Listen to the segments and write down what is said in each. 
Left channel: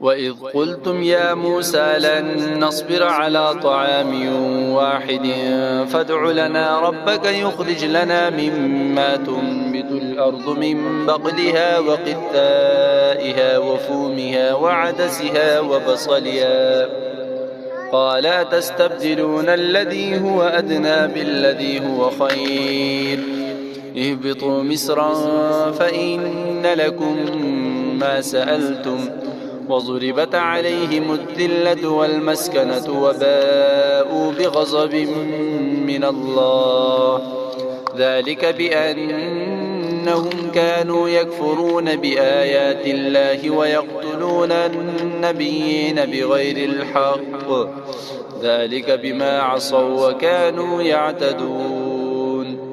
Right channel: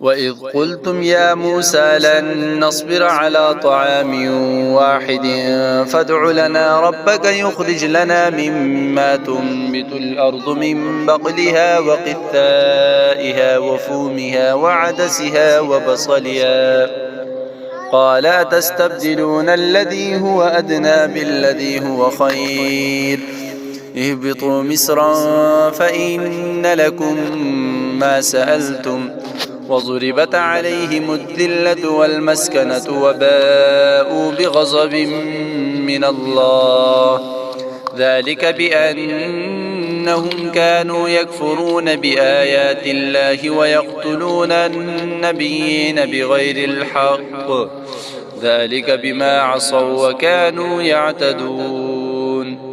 وإذ قلتم يا موسى لن نصبر على طعام واحد فادع لنا ربك يخرج لنا مما تنبت الأرض من بقلها وقثائها وفومها وعدسها وبصلها قال أتستبدلون الذي هو أدنى بالذي هو خير اهبطوا مصرا فإن لكم ما سألتم وضربت عليهم الذلة والمسكنة وباءوا بغضب من الله ذلك بأنهم كانوا يكفرون بآيات الله ويقتلون النبيين بغير الحق ذلك بما عصوا وكانوا يعتدون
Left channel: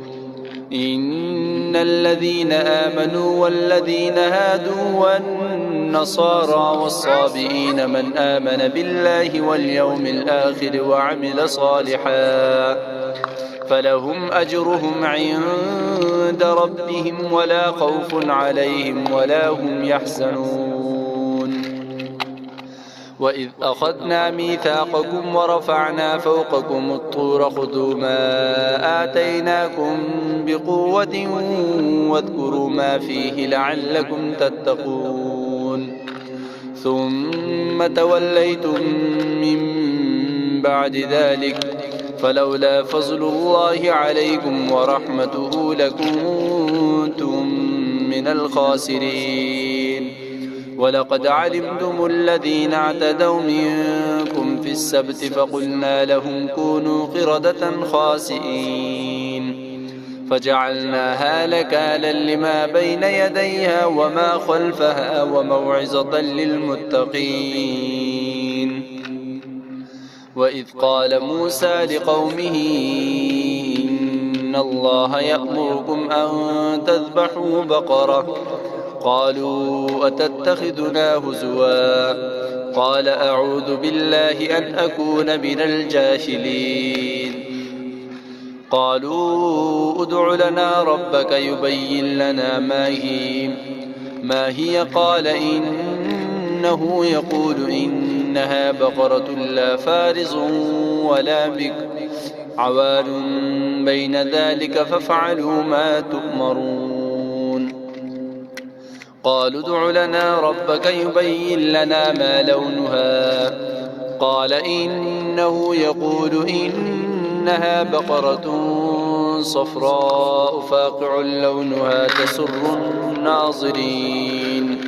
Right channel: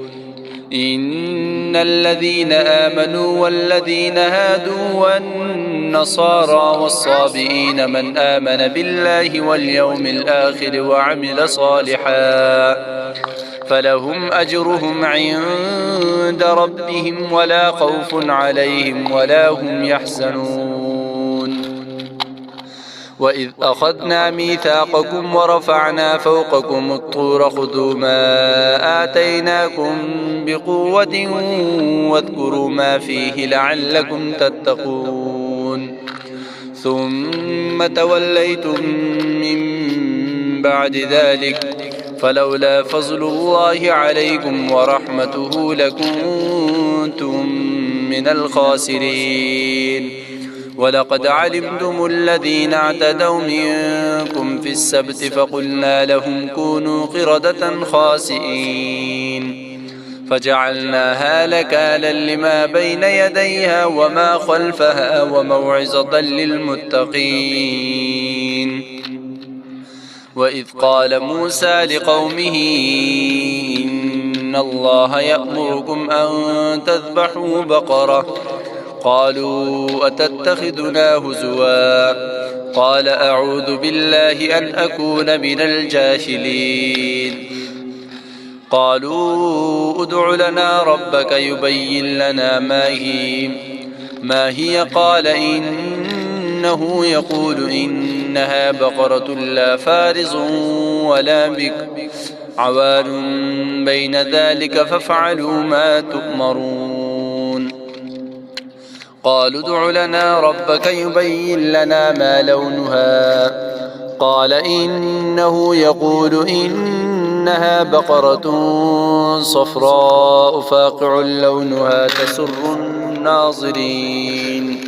إن الذين آمنوا والذين هادوا والنصارى والصابئين من آمن بالله واليوم الآخر وعمل صالحا فلهم أجرهم عند ربهم ولا خوف عليهم ولا هم يحزنون وإذ أخذنا ميثاقكم ورفعنا فوقكم الطور خذوا ما آتيناكم بقوة واذكروا ما فيه لعلكم تتقون ثم توليتم من بعد ذلك فلولا فضل الله عليكم ورحمته لكنتم من الخاسرين ولقد علمتم الذين اعتدوا منكم في السبت فقلنا لهم كونوا قردة خاسئين فجعلناها نكالا لما بين يديها وما خلفها وموعظة للمتقين وإذ قال موسى لقومه إن الله يأمركم أن تذبحوا بقرة قالوا أتتخذنا هزوا قال أعوذ بالله أن أكون من الجاهلين قالوا ادع لنا ربك يبين لنا ما هي قال إنه يقول إنها بقرة لا فارض ولا بكر عوان بين ذلك فافعلوا ما تؤمرون قالوا ادع لنا ربك يبين لنا ما لونها قال إنه يقول إنها بقرة صفراء فاقع لونها تسر الناظرين